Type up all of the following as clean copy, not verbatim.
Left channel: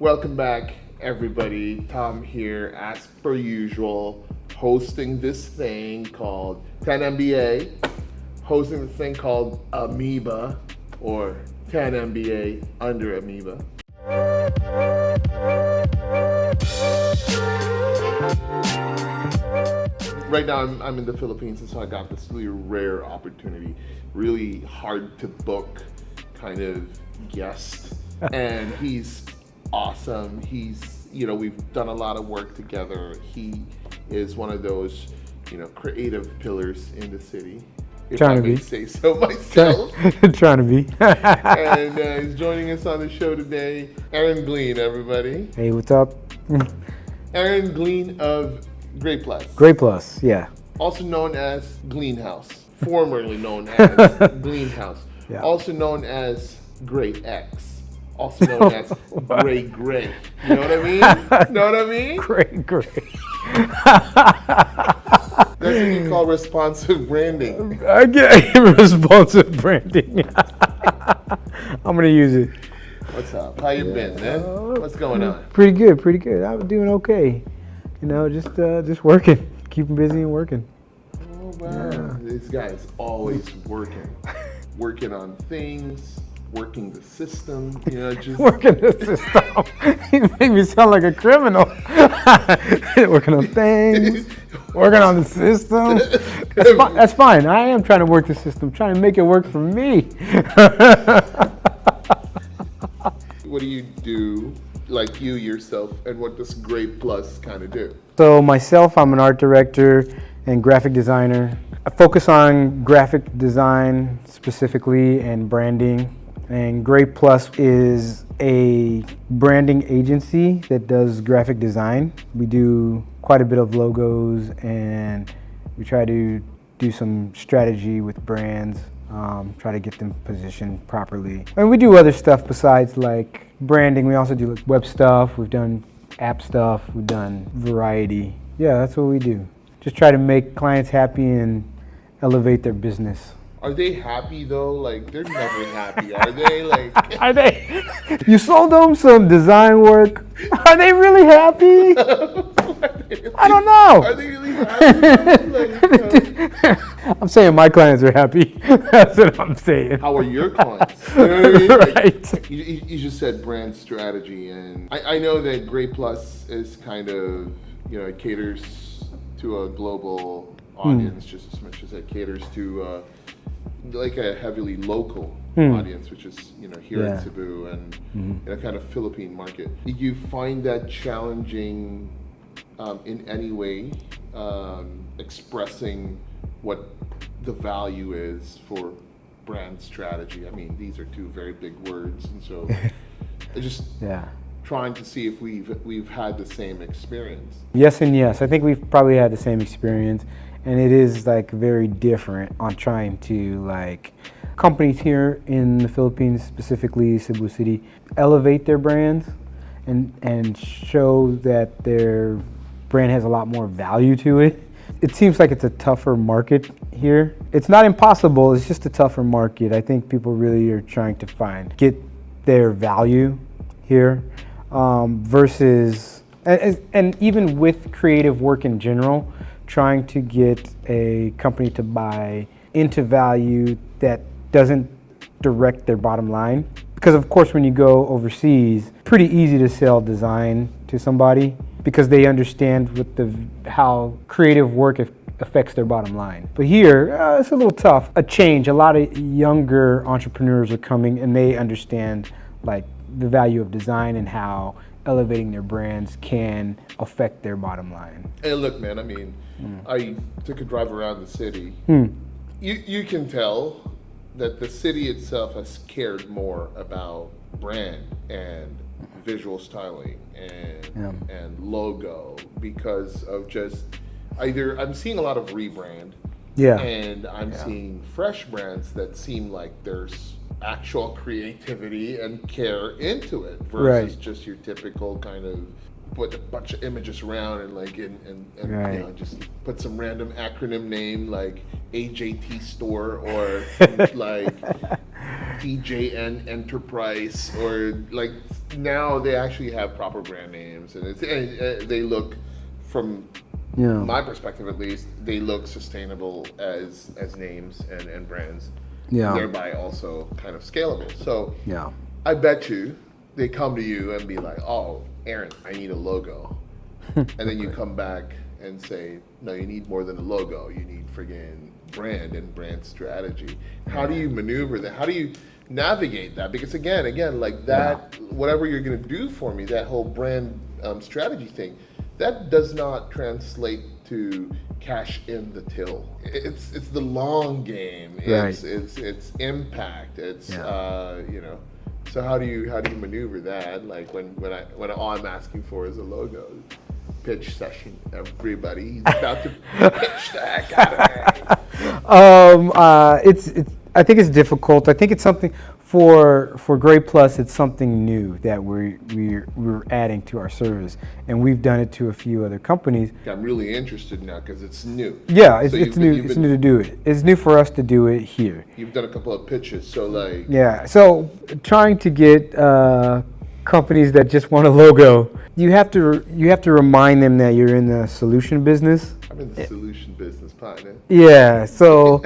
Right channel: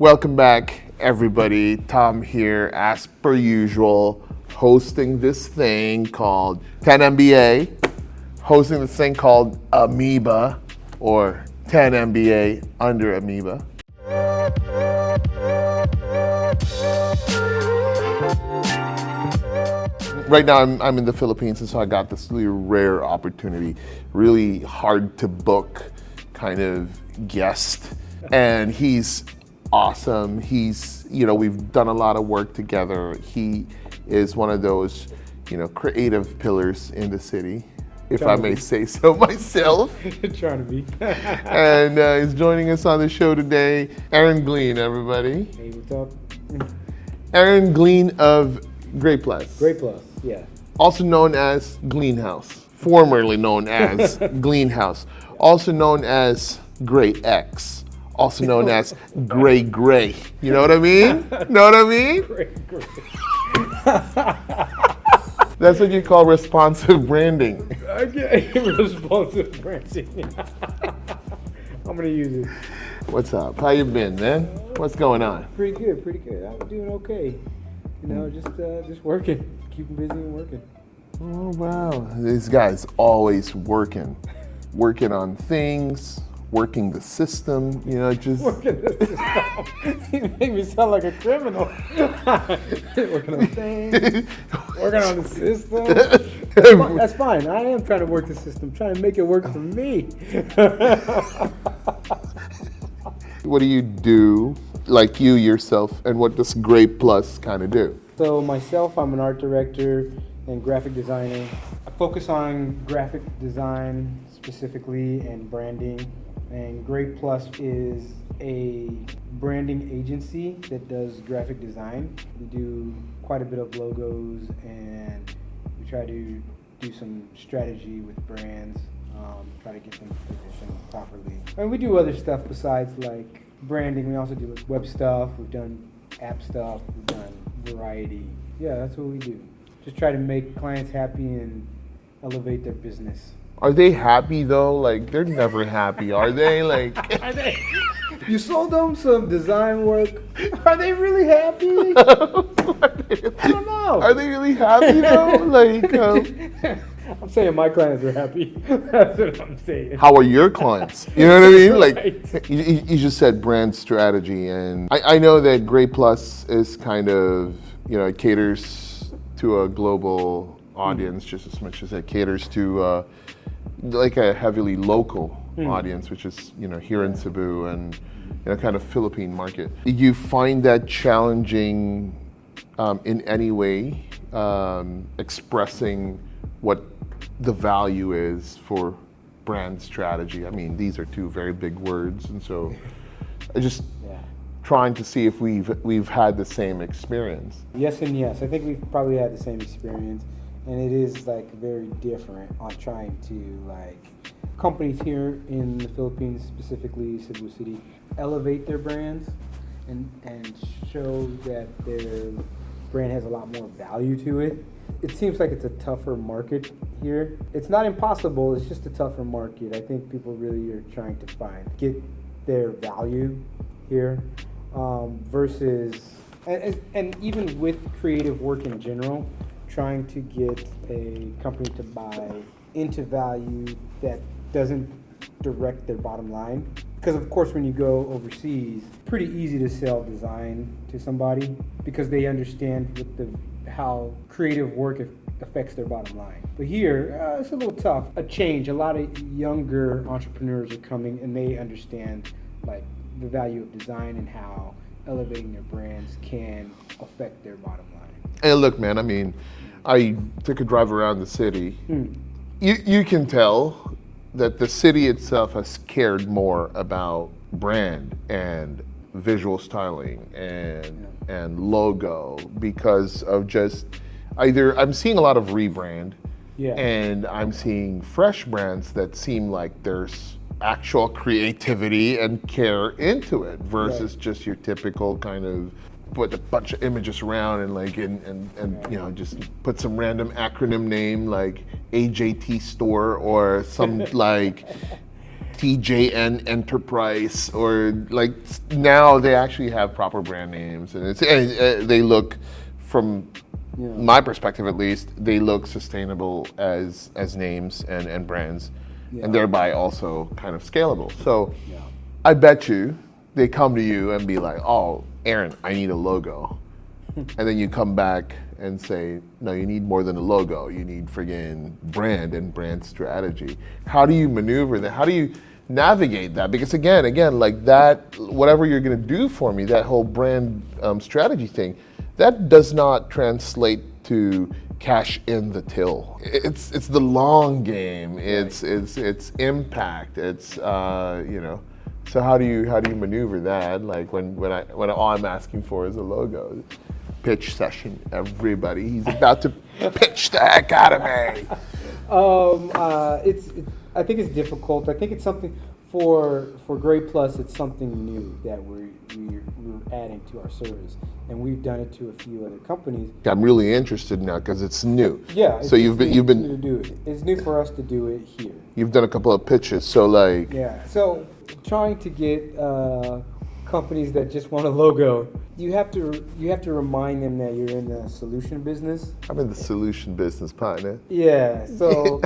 Welcome back, everybody. Tom here, as per usual, hosting this thing called 10MBA, hosting this thing called Amoeba, or 10MBA under Amoeba. Right now, I'm in the Philippines, and so I got this really rare opportunity, really hard to book kind of guest, and he's awesome. We've done a lot of work together. He is one of those, creative pillars in the city, if I may say so myself. Trying to be. And he's joining us on the show today, Aaron Glean, everybody. Hey, what's up? Aaron Glean of Great Plus. Great Plus, yeah. Also known as Glean House, formerly known as Glean House, also known as Great X, also known as Gray. You know what I mean? Gray. That's what you call responsive branding. I get responsive branding. I'm gonna use it. What's up? How you been, man? What's going on? Pretty good. I'm doing okay. Just working, keeping busy and working. Oh wow! This guy's always working on things, working the system. Just working the system. You make me sound like a criminal. Working on things, working on the system. That's fine. I am trying to work the system, trying to make it work for me. What do you do, like you yourself, and what does Great Plus kind of do? So myself, I'm an art director and graphic designer. I focus on graphic design specifically and branding. And Great Plus is a branding agency that does graphic design. We do quite a bit of logos, and we try to do some strategy with brands, try to get them positioned properly. And we do other stuff besides like branding. We also do web stuff. We've done app stuff. We've done variety. Yeah, that's what we do. Just try to make clients happy and elevate their business. Are they happy though? Like, they're never happy, are they? Like, Are they? You sold them some design work. Are they really happy? I don't know. Are they really happy though? I'm saying my clients are happy. That's what I'm saying. How are your clients? You know what I mean? Like, Right. you just said brand strategy, and I know that Great Plus is kind of, it caters to a global audience just as much as it caters to like a heavily local audience, which is here in Cebu and kind of Philippine market. Do you find that challenging in any way, expressing what the value is for brand strategy? I mean, these are two very big words, and so I just trying to see if we've had the same experience. Yes and yes. I think we've probably had the same experience. And it is like very different on trying to like companies here in the Philippines, specifically Cebu City, elevate their brands and show that their brand has a lot more value to it. It seems like it's a tougher market here. It's not impossible, it's just a tougher market. I think people really are trying to get their value here versus, and even with creative work in general, trying to get a company to buy into value that doesn't direct their bottom line. Because of course when you go overseas, pretty easy to sell design to somebody because they understand how creative work affects their bottom line. But here, it's a little tough. A lot of younger entrepreneurs are coming and they understand like the value of design and how elevating their brands can affect their bottom line. Hey, look, man, I mean, I took a drive around the city. You can tell that the city itself has cared more about brand and visual styling and logo because of just either I'm seeing a lot of rebrand and I'm seeing fresh brands that seem like there's actual creativity and care into it versus just your typical kind of put a bunch of images around and like and just put some random acronym name like AJT store or some like TJN Enterprise, or like now they actually have proper brand names, and they look, from my perspective at least, they look sustainable as names and brands, thereby also kind of scalable. So I bet you they come to you and be like, "Oh, Aaron, I need a logo," and then you come back and say, no, you need more than a logo. You need friggin' brand and brand strategy. How do you maneuver that? How do you navigate that? Because again, like that, whatever you're gonna do for me, that whole brand strategy thing, that does not translate to cash in the till. It's the long game. It's impact. It's you know. So how do you maneuver that? Like when all I'm asking for is a logo. Pitch session, everybody. He's about to pitch the heck out of me. I think it's difficult. I think it's something for Grade Plus. It's something new that we're adding to our service, and we've done it to a few other companies. I'm really interested now because it's new. Yeah, it's new to do it. It's new for us to do it here. You've done a couple of pitches, so like. Yeah, so trying to get companies that just want a logo, you have to remind them that you're in the solution business. I'm in the solution business, partner. Yeah, so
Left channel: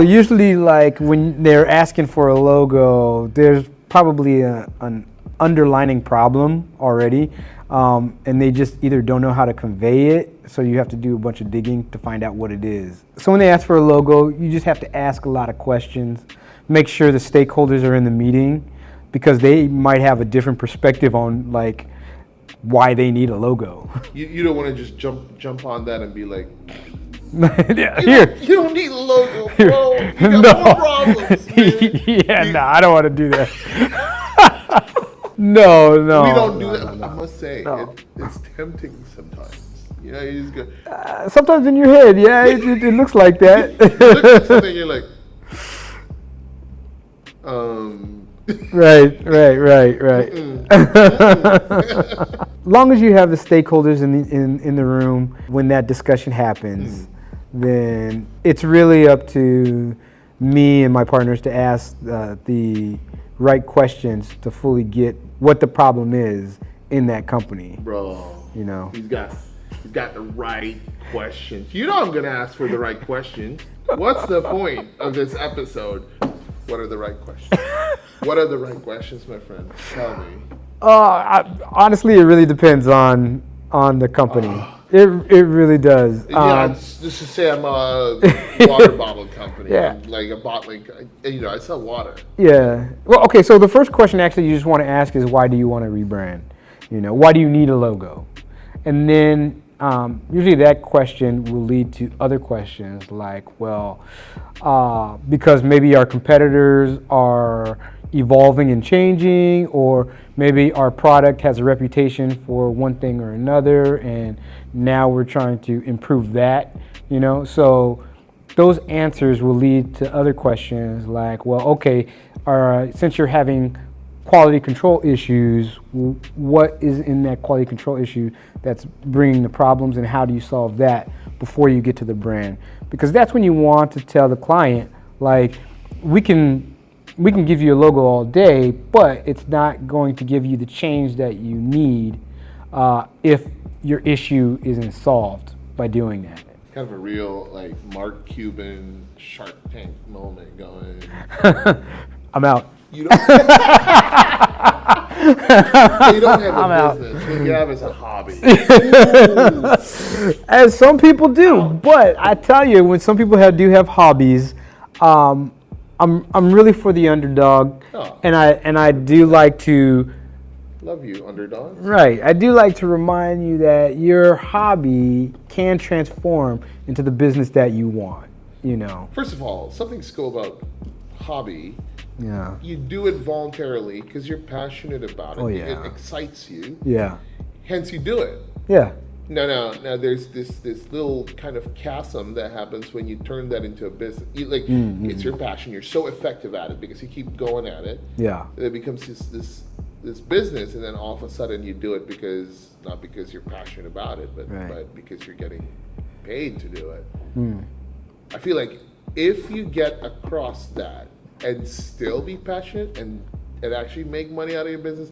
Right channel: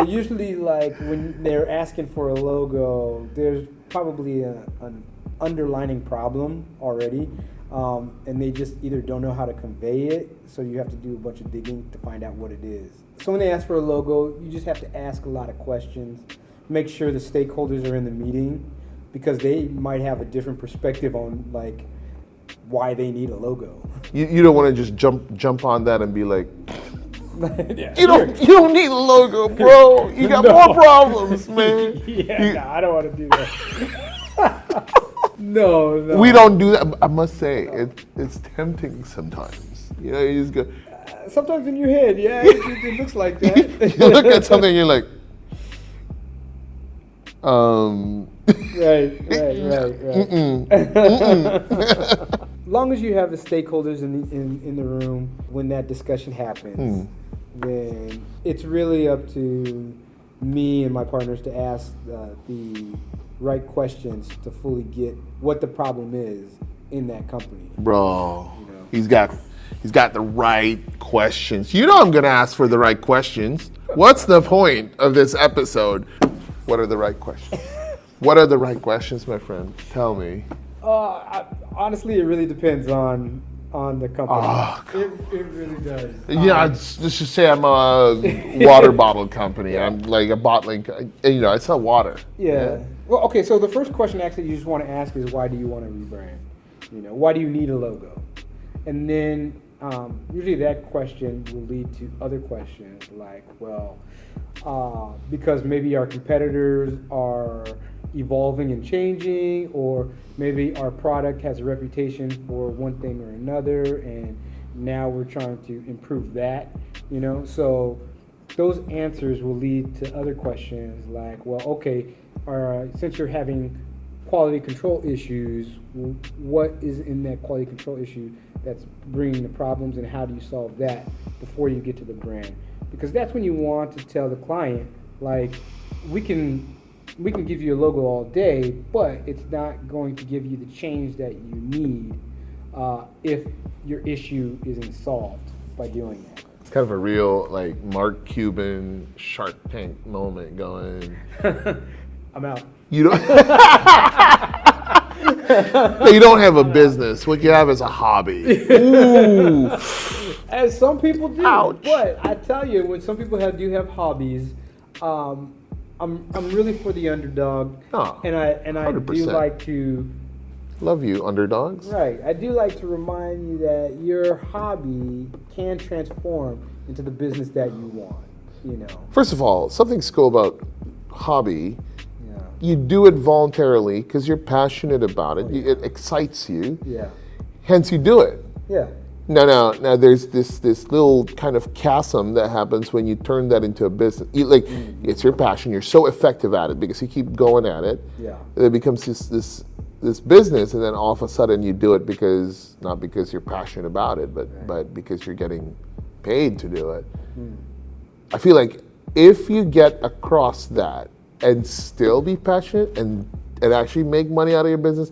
usually like when they're asking for a logo, there's probably an underlining problem already, and they just either don't know how to convey it, so you have to do a bunch of digging to find out what it is. So when they ask for a logo, you just have to ask a lot of questions, make sure the stakeholders are in the meeting, because they might have a different perspective on like why they need a logo. You don't want to just jump on that and be like, yeah, you don't need a logo, bro. You got more problems, man. I don't want to do that. No. We don't do that. I must say, it's tempting sometimes. You know, you just go. Sometimes in your head, it looks like that. You look at something, you're like, Right. Long as you have the stakeholders in the room when that discussion happens, then it's really up to me and my partners to ask the right questions to fully get what the problem is in that company. Bro, you know, he's got the right questions. You know I'm gonna ask for the right questions. What's the point of this episode? What are the right questions? What are the right questions, my friend? Tell me. Honestly, it really depends on the company. It really does. Let's just say I'm a water bottle company. I'm like a bottling. I sell water. Yeah. Well, okay. So the first question actually you just want to ask is, why do you want to rebrand? Why do you need a logo? And then usually that question will lead to other questions like, because maybe our competitors are evolving and changing, or maybe our product has a reputation for one thing or another, and now we're trying to improve that, So those answers will lead to other questions like, since you're having quality control issues, what is in that quality control issue that's bringing the problems, and how do you solve that before you get to the brand? Because that's when you want to tell the client, like, we can give you a logo all day, but it's not going to give you the change that you need if your issue isn't solved by doing that. It's kind of a real like Mark Cuban Shark Tank moment going. I'm out. You don't. You don't have a business. What you have is a hobby. As some people do. Ouch. But I tell you, when some people do have hobbies, I'm really for the underdog, and I do like to. Love you, underdogs. Right. I do like to remind you that your hobby can transform into the business that you want. First of all, something's cool about hobby. Yeah. You do it voluntarily because you're passionate about it. Oh, yeah. It excites you. Yeah. Hence, you do it. Yeah. Now, there's this little kind of chasm that happens when you turn that into a business. It's your passion. You're so effective at it because you keep going at it. Yeah. It becomes this business, and then all of a sudden you do it not because you're passionate about it, but because you're getting paid to do it. I feel like if you get across that and still be passionate and actually make money out of your business,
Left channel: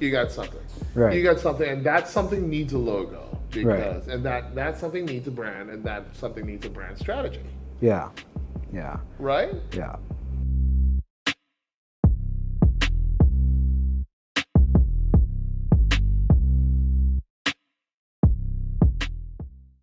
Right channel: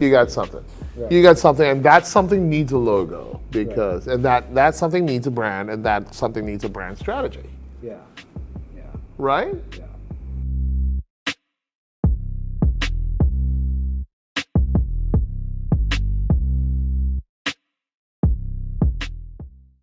you got something. Right. You got something, and that something needs a logo because, and that something needs a brand, and that something needs a brand strategy. Yeah. Yeah. Right? Yeah.